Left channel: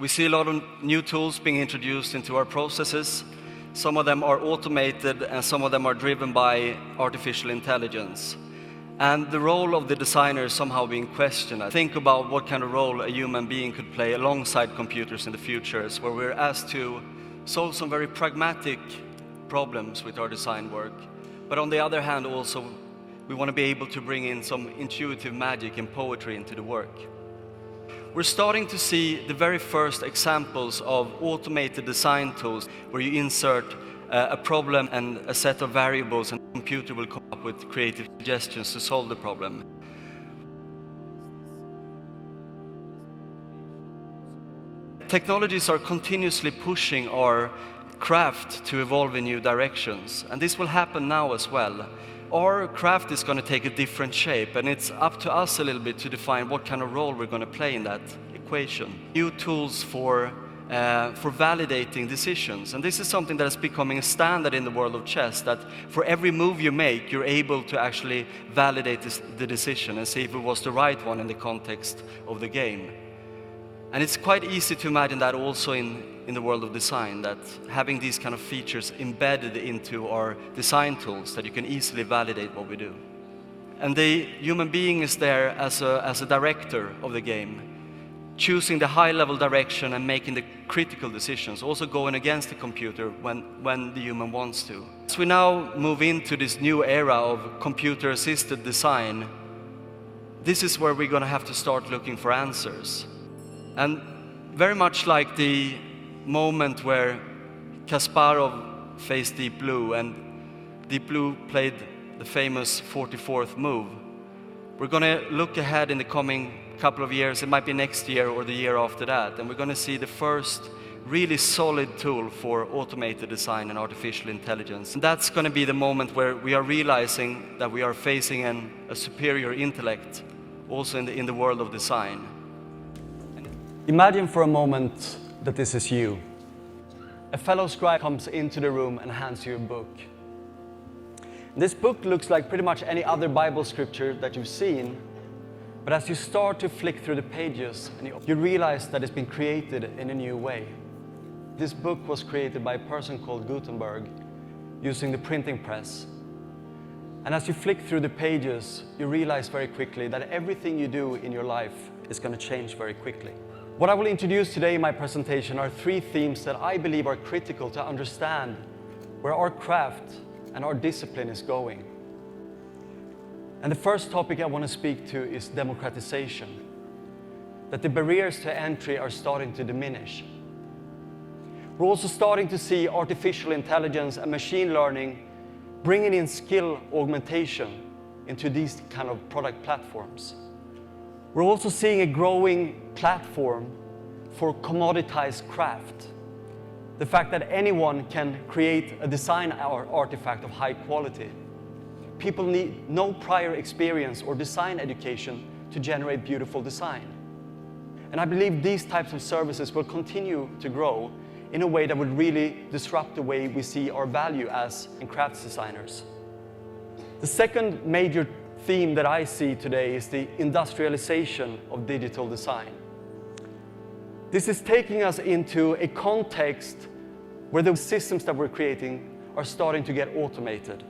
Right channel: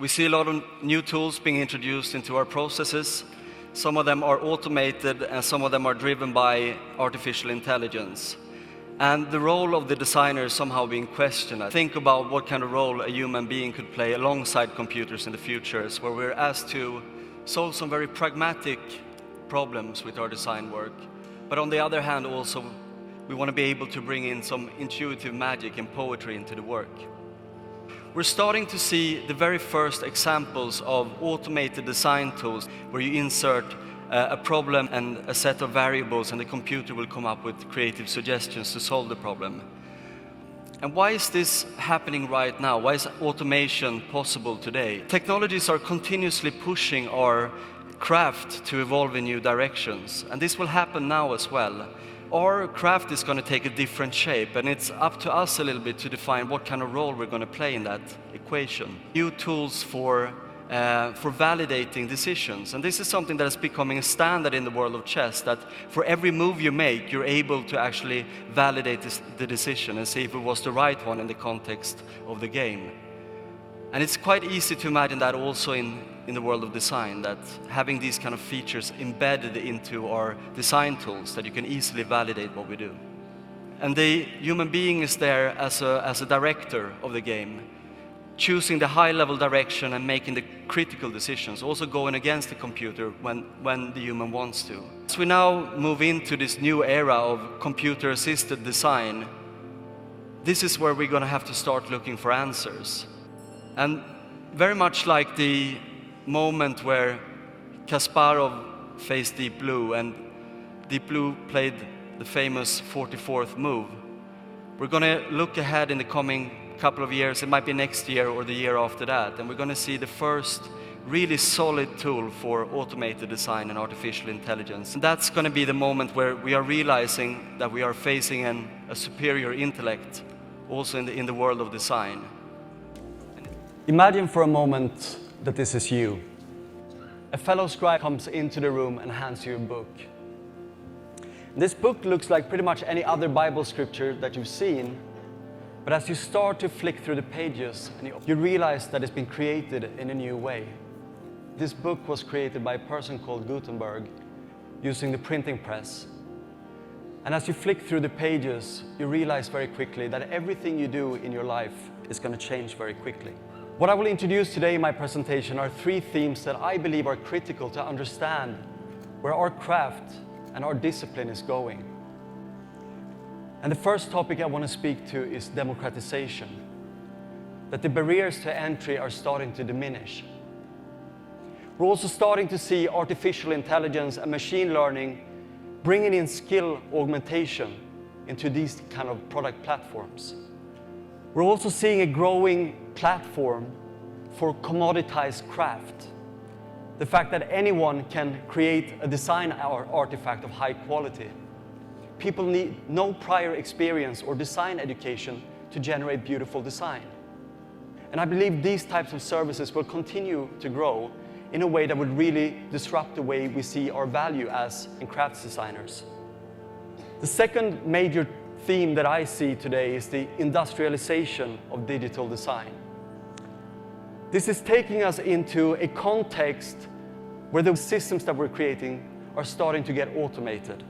We see a lot of new tools being introduced into our processes. Some of them are automated and some of them are driven by artificial intelligence. And the role of the designer is somehow being questioned. I think about what kind of role a human being could play alongside computers in the future, where we're asked to solve some very pragmatic problems with our design work. But on the other hand, also, we want to be able to bring in some intuitive magic and poetry into the work. We're starting to see the very first examples of automated design tools where you insert a problem and a set of variables and the computer will come up with creative suggestions to solve the problem. Technologies are continuously pushing our craft to evolve in new directions, and this will happen now as well. Our craft is going to take a different shape, and it's up to us a little bit to define what kind of role we're going to play in that equation. New tools for validating decisions, and this is something that is becoming a standard in the world of chess, that for every move you make, you're able to actually validate the decision and see if it was the right one in the context of the game. And it's quite easy to imagine that also in the world of design, that having these kind of features embedded into our design tools, that you can easily validate what we do. And the human being is there as a director of the game, choosing the high-level direction and making the critical decisions, also going against the computer when the human wants to. As we now move into this new era of computer-assisted design, this is where we're going to have to start looking for answers. And very much like the moment where Kasparov faced Deep Blue and Deep Blue played the famous 44th move, we're going to look ahead in the coming couple of years. It might be next year or the year after that, and we're going to see the first really solid tool for automated design and artificial intelligence. And that's going to be the moment where we are realizing that we are facing a superior intellect also in the world of design. Imagine for a moment that this is you. A fellow scribe comes into the room and hands you a book. This book looks like pretty much any other Bible scripture that you've seen, but as you start to flick through the pages, you realize that it's been created in a new way. This book was created by a person called Gutenberg using the printing press. And as you flick through the pages, you realize very quickly that everything you do in your life is going to change very quickly. What I will introduce today in my presentation are 3 themes that I believe are critical to understand where our craft and our discipline is going. And the first topic I want to speak to is democratization. That the barriers to entry are starting to diminish. We're also starting to see artificial intelligence and machine learning bringing in skill augmentation into these kind of product platforms. We're also seeing a growing platform for commoditized craft. The fact that anyone can create a design artifact of high quality. People need no prior experience or design education to generate beautiful design. And I believe these types of services will continue to grow in a way that would really disrupt the way we see our value as crafts designers. The second major theme that I see today is the industrialization of digital design. This is taking us into a context where the systems that we're creating are starting to get automated.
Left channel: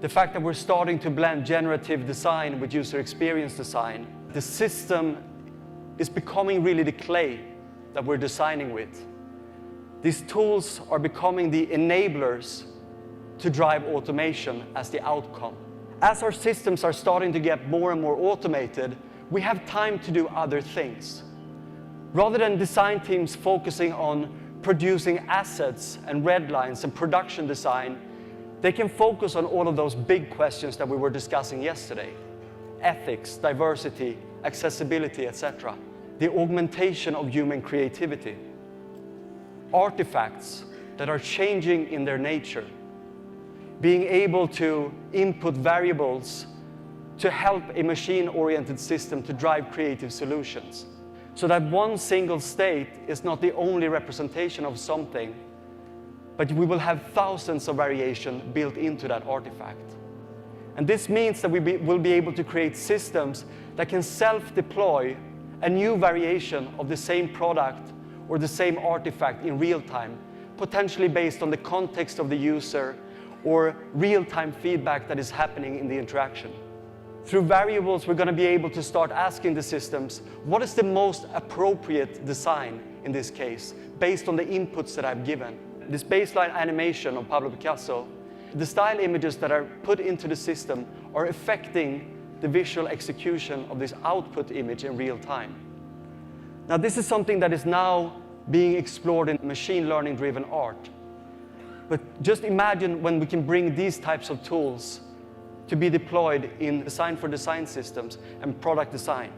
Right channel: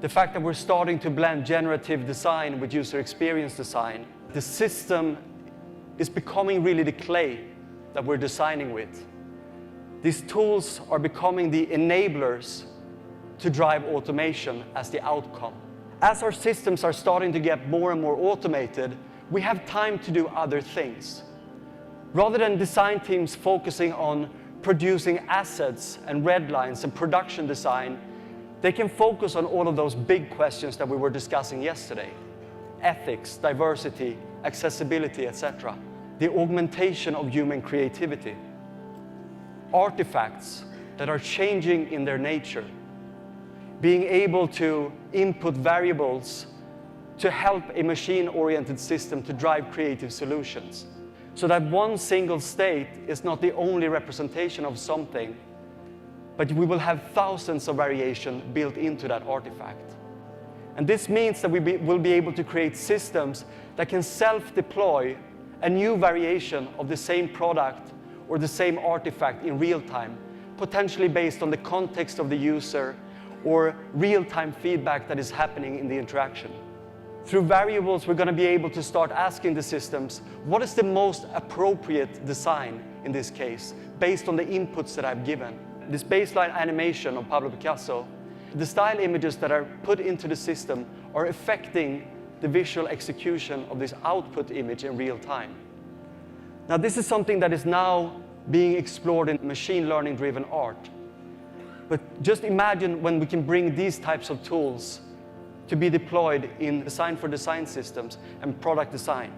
The fact that we're starting to blend generative design with user experience design, the system is becoming really the clay that we're designing with. These tools are becoming the enablers to drive automation as the outcome. As our systems are starting to get more and more automated, we have time to do other things. Rather than design teams focusing on producing assets and red lines and production design, they can focus on all of those big questions that we were discussing yesterday. Ethics, diversity, accessibility, etc. The augmentation of human creativity. Artifacts that are changing in their nature. Being able to input variables to help a machine-oriented system to drive creative solutions. So that one single state is not the only representation of something, but we will have thousands of variation built into that artifact. And this means that we will be able to create systems that can self-deploy a new variation of the same product or the same artifact in real time, potentially based on the context of the user or real-time feedback that is happening in the interaction. Through variables, we're going to be able to start asking the systems, what is the most appropriate design in this case, based on the inputs that I've given. This baseline animation of Pablo Picasso, the style images that are put into the system are affecting the visual execution of this output image in real time. Now, this is something that is now being explored in machine learning-driven art. But just imagine when we can bring these types of tools to be deployed in design for design systems and product design.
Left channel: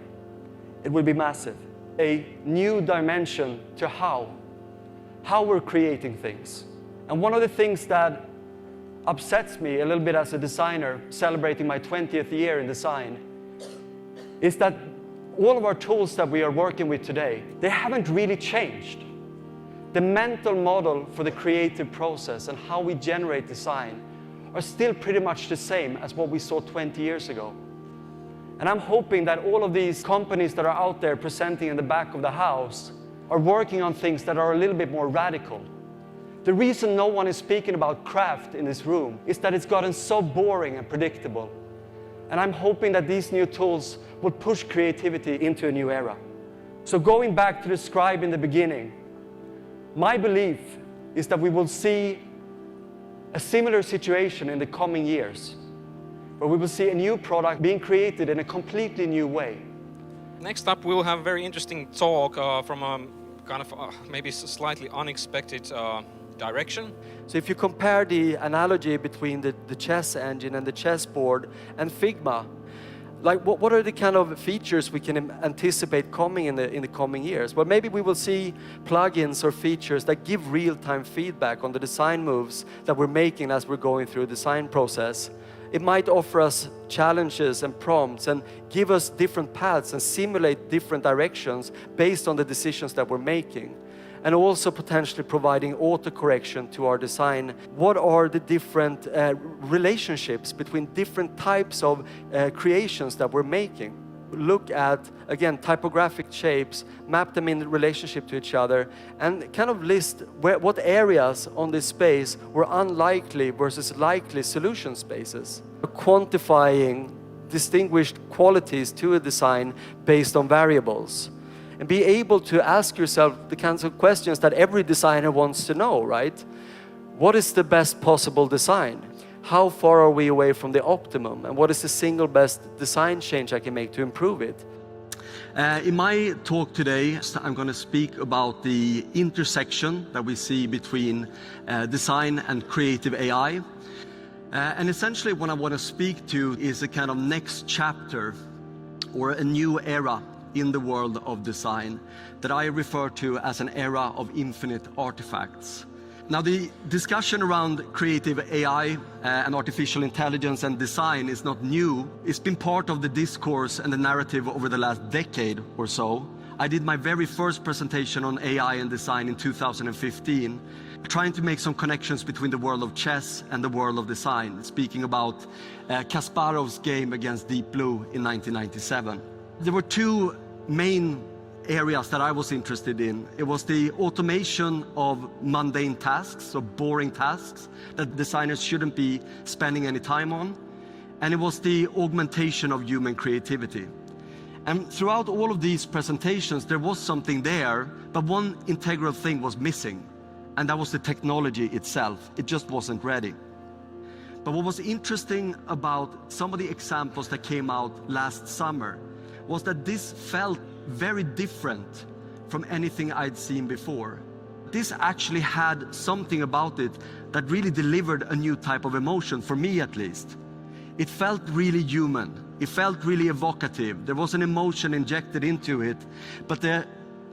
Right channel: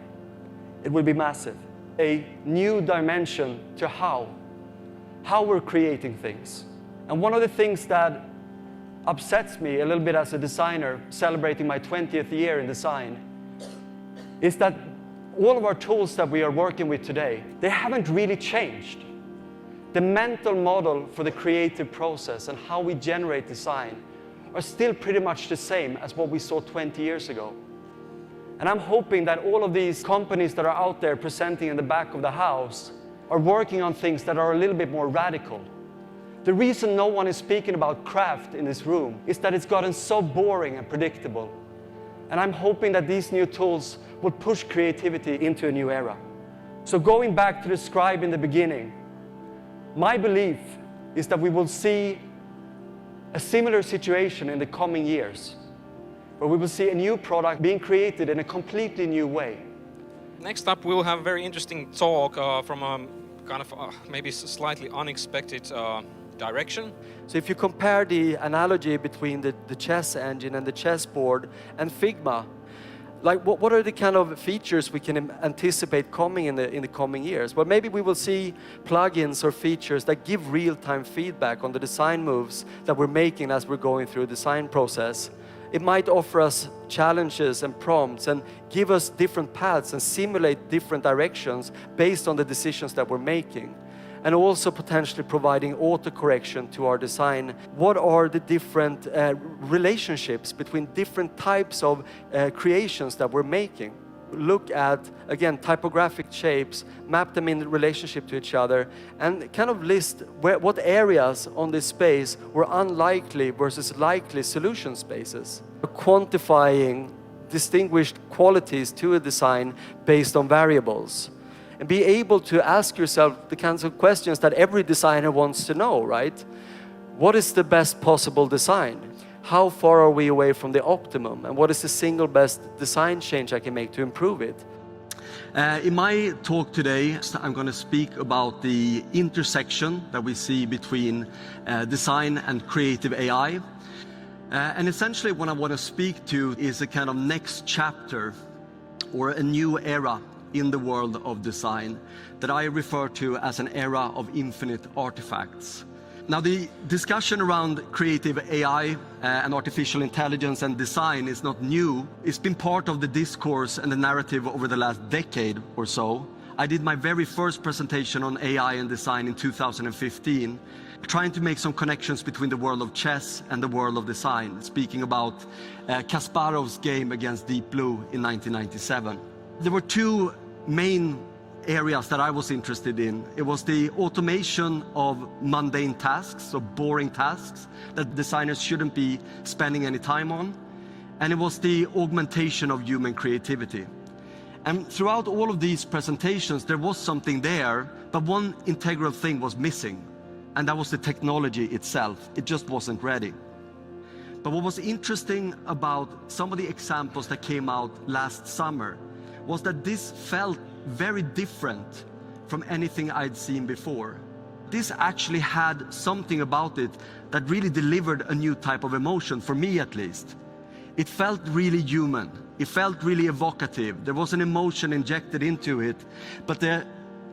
It will be massive. A new dimension to how we're creating things. And one of the things that upsets me a little bit as a designer, celebrating my 20th year in design, is that all of our tools that we are working with today, they haven't really changed. The mental model for the creative process and how we generate design are still pretty much the same as what we saw 20 years ago. And I'm hoping that all of these companies that are out there presenting in the back of the house are working on things that are a little bit more radical. The reason no one is speaking about craft in this room is that it's gotten so boring and predictable. And I'm hoping that these new tools will push creativity into a new era. So going back to the scribe in the beginning, my belief is that we will see a similar situation in the coming years, where we will see a new product being created in a completely new way. Next up, we'll have a very interesting talk from a kind of maybe slightly unexpected direction. So if you compare the analogy between the chess engine and the chessboard and Figma, like what are the kind of features we can anticipate coming in the coming years? Well, maybe we will see plugins or features that give real-time feedback on the design moves that we're making as we're going through the design process. It might offer us challenges and prompts and give us different paths and simulate different directions based on the decisions that we're making. And also potentially providing autocorrection to our design. What are the different relationships between different types of creations that we're making? Look at, again, typographic shapes, map them in relationship to each other, and kind of list what areas on this space were unlikely versus likely solution spaces. Quantifying distinguished qualities to a design based on variables. And be able to ask yourself the kinds of questions that every designer wants to know, right? What is the best possible design? How far are we away from the optimum? And what is the single best design change I can make to improve it? In my talk today, I'm going to speak about the intersection that we see between design and creative AI. And essentially what I want to speak to is a kind of next chapter or a new era in the world of design that I refer to as an era of infinite artifacts. Now, the discussion around creative AI and artificial intelligence and design is not new. It's been part of the discourse and the narrative over the last decade or so. I did my very first presentation on AI and design in 2015, trying to make some connections between the world of chess and the world of design, speaking about Kasparov's game against Deep Blue in 1997. There were two main areas that I was interested in. It was the automation of mundane tasks, so boring tasks that designers shouldn't be spending any time on. And it was the augmentation of human creativity. And throughout all of these presentations, there was something there, but one integral thing was missing, and that was the technology itself. It just wasn't ready. But what was interesting about some of the examples that came out last summer was that this felt very different from anything I'd seen before. This actually had something about it that really delivered a new type of emotion, for me at least. It felt really human. It felt really evocative. There was an emotion injected into it, but the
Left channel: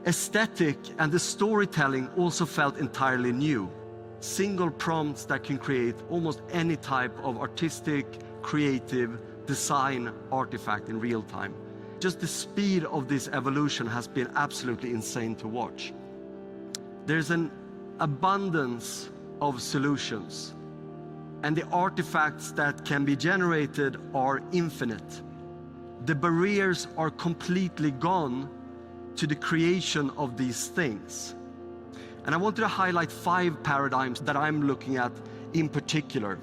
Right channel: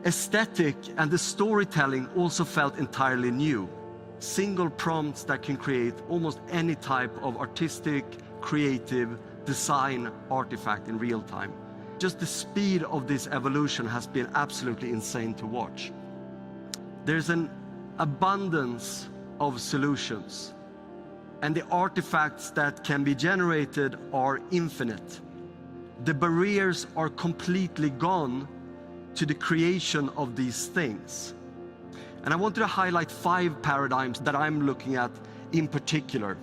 aesthetic and the storytelling also felt entirely new. Single prompts that can create almost any type of artistic, creative, design artifact in real time. Just the speed of this evolution has been absolutely insane to watch. There's an abundance of solutions, and the artifacts that can be generated are infinite. The barriers are completely gone to the creation of these things. And I wanted to highlight 5 paradigms that I'm looking at in particular.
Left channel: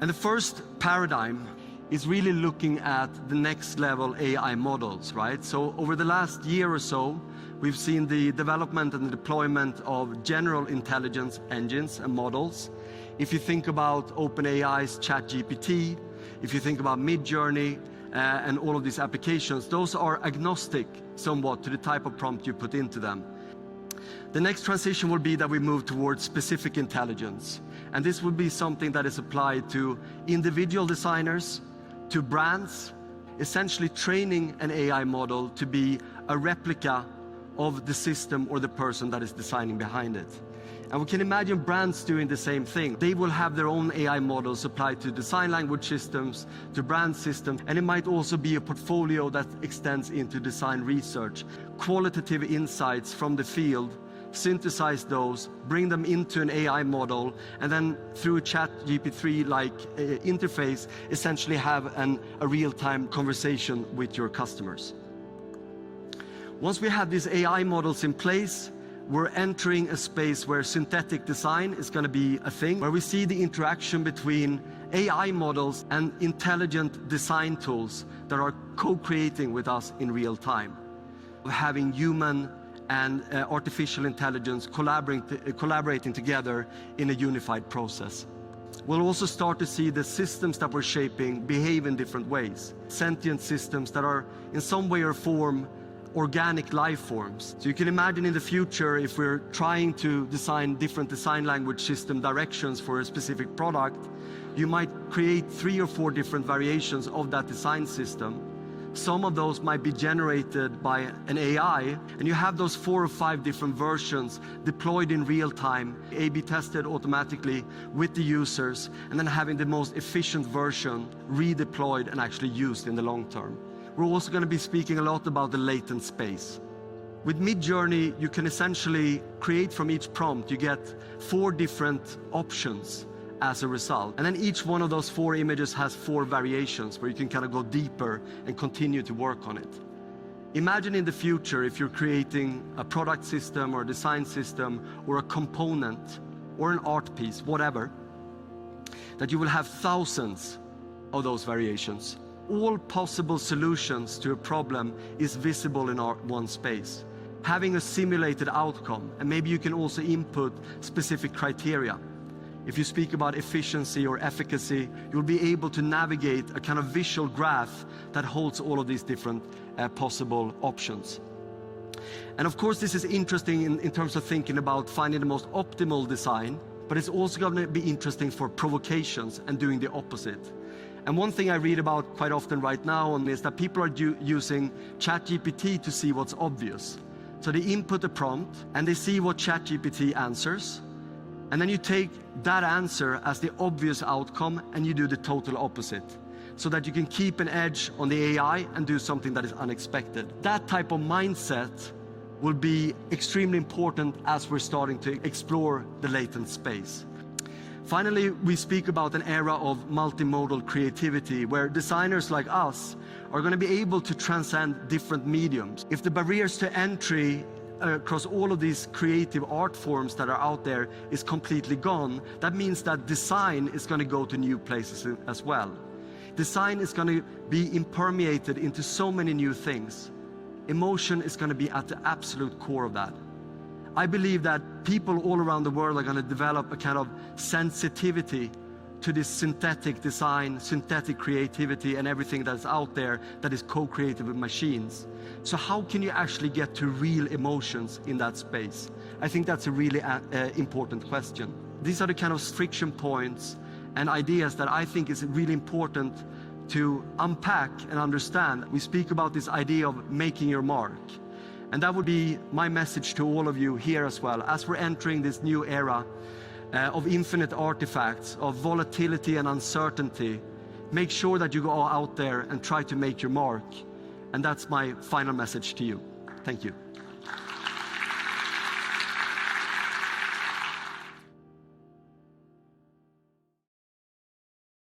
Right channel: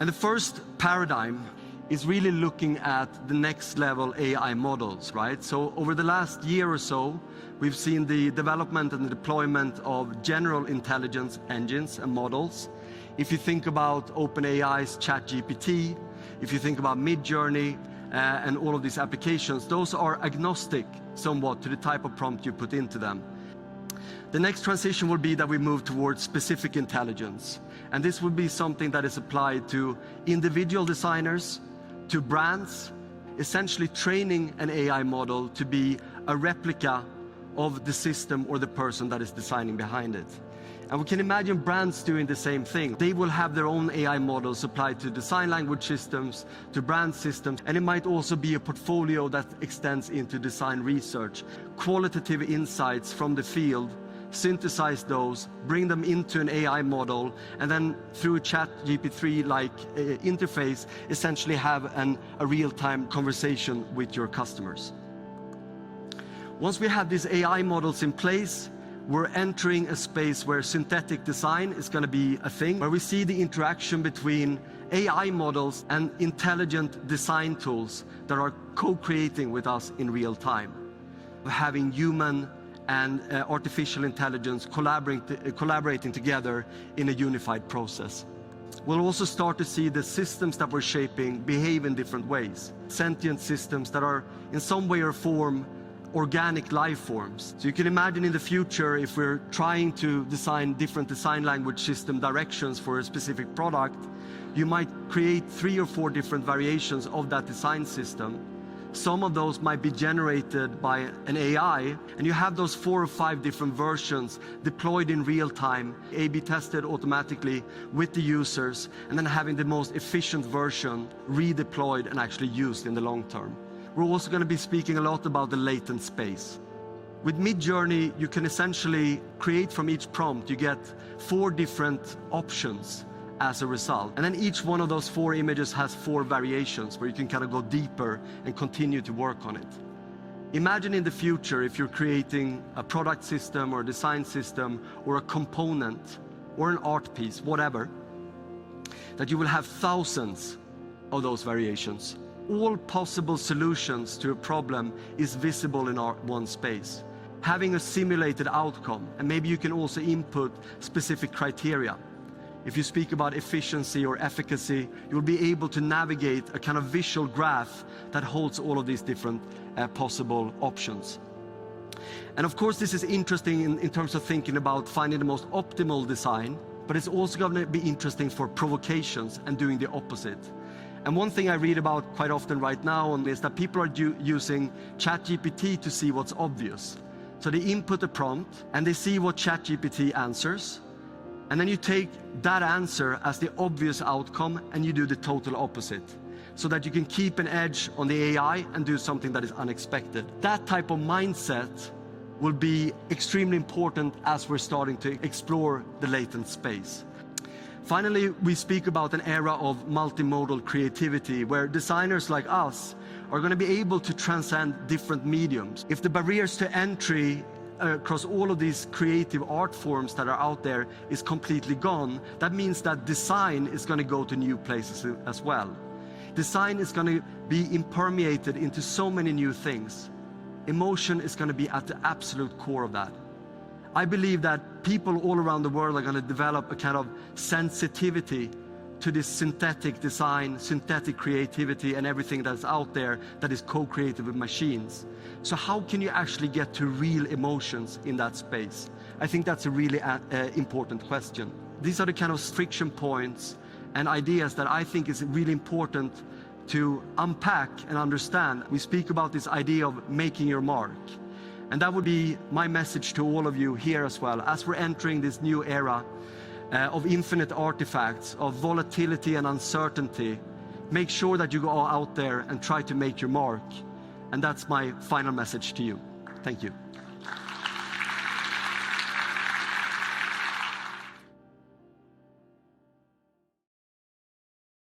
And the first paradigm is really looking at the next level AI models, right? So over the last year or so, we've seen the development and the deployment of general intelligence engines and models. If you think about OpenAI's ChatGPT, if you think about Midjourney, and all of these applications, those are agnostic somewhat to the type of prompt you put into them. The next transition will be that we move towards specific intelligence. And this will be something that is applied to individual designers, to brands, essentially training an AI model to be a replica of the system or the person that is designing behind it. And we can imagine brands doing the same thing. They will have their own AI models applied to design language systems, to brand systems, and it might also be a portfolio that extends into design research. Qualitative insights from the field, synthesize those, bring them into an AI model, and then through a ChatGPT-like interface, essentially have a real-time conversation with your customers. Once we have these AI models in place, we're entering a space where synthetic design is going to be a thing, where we see the interaction between AI models and intelligent design tools that are co-creating with us in real time. Having human and artificial intelligence collaborating together in a unified process. We'll also start to see the systems that we're shaping behave in different ways. Sentient systems that are in some way or form organic life forms. So you can imagine in the future, if we're trying to design different design language system directions for a specific product, you might create 3 or 4 different variations of that design system. Some of those might be generated by an AI, and you have those 4 or 5 different versions deployed in real time, A/B tested automatically with the users, and then having the most efficient version redeployed and actually used in the long term. We're also going to be speaking a lot about the latent space. With Midjourney, you can essentially create from each prompt, you get 4 different options as a result. And then each one of those 4 images has 4 variations where you can kind of go deeper and continue to work on it. Imagine in the future if you're creating a product system or a design system or a component or an art piece, whatever, that you will have thousands of those variations. All possible solutions to a problem is visible in one space. Having a simulated outcome, and maybe you can also input specific criteria. If you speak about efficiency or efficacy, you'll be able to navigate a kind of visual graph that holds all of these different possible options. And of course, this is interesting in terms of thinking about finding the most optimal design, but it's also going to be interesting for provocations and doing the opposite. And one thing I read about quite often right now is that people are using ChatGPT to see what's obvious. So they input a prompt and they see what ChatGPT answers. And then you take that answer as the obvious outcome and you do the total opposite, so that you can keep an edge on the AI and do something that is unexpected. That type of mindset will be extremely important as we're starting to explore the latent space. Finally, we speak about an era of multimodal creativity where designers like us are going to be able to transcend different mediums. If the barriers to entry across all of these creative art forms that are out there is completely gone, that means that design is going to go to new places as well. Design is going to be impermeated into so many new things. Emotion is going to be at the absolute core of that. I believe that people all around the world are going to develop a kind of sensitivity to this synthetic design, synthetic creativity, and everything that's out there that is co-created with machines. So how can you actually get to real emotions in that space? I think that's a really important question. These are the kind of friction points and ideas that I think is really important to unpack and understand. We speak about this idea of making your mark. And that would be my message to all of you here as well. As we're entering this new era of infinite artifacts, of volatility and uncertainty, make sure that you go out there and try to make your mark. And that's my final message to you. Thank you.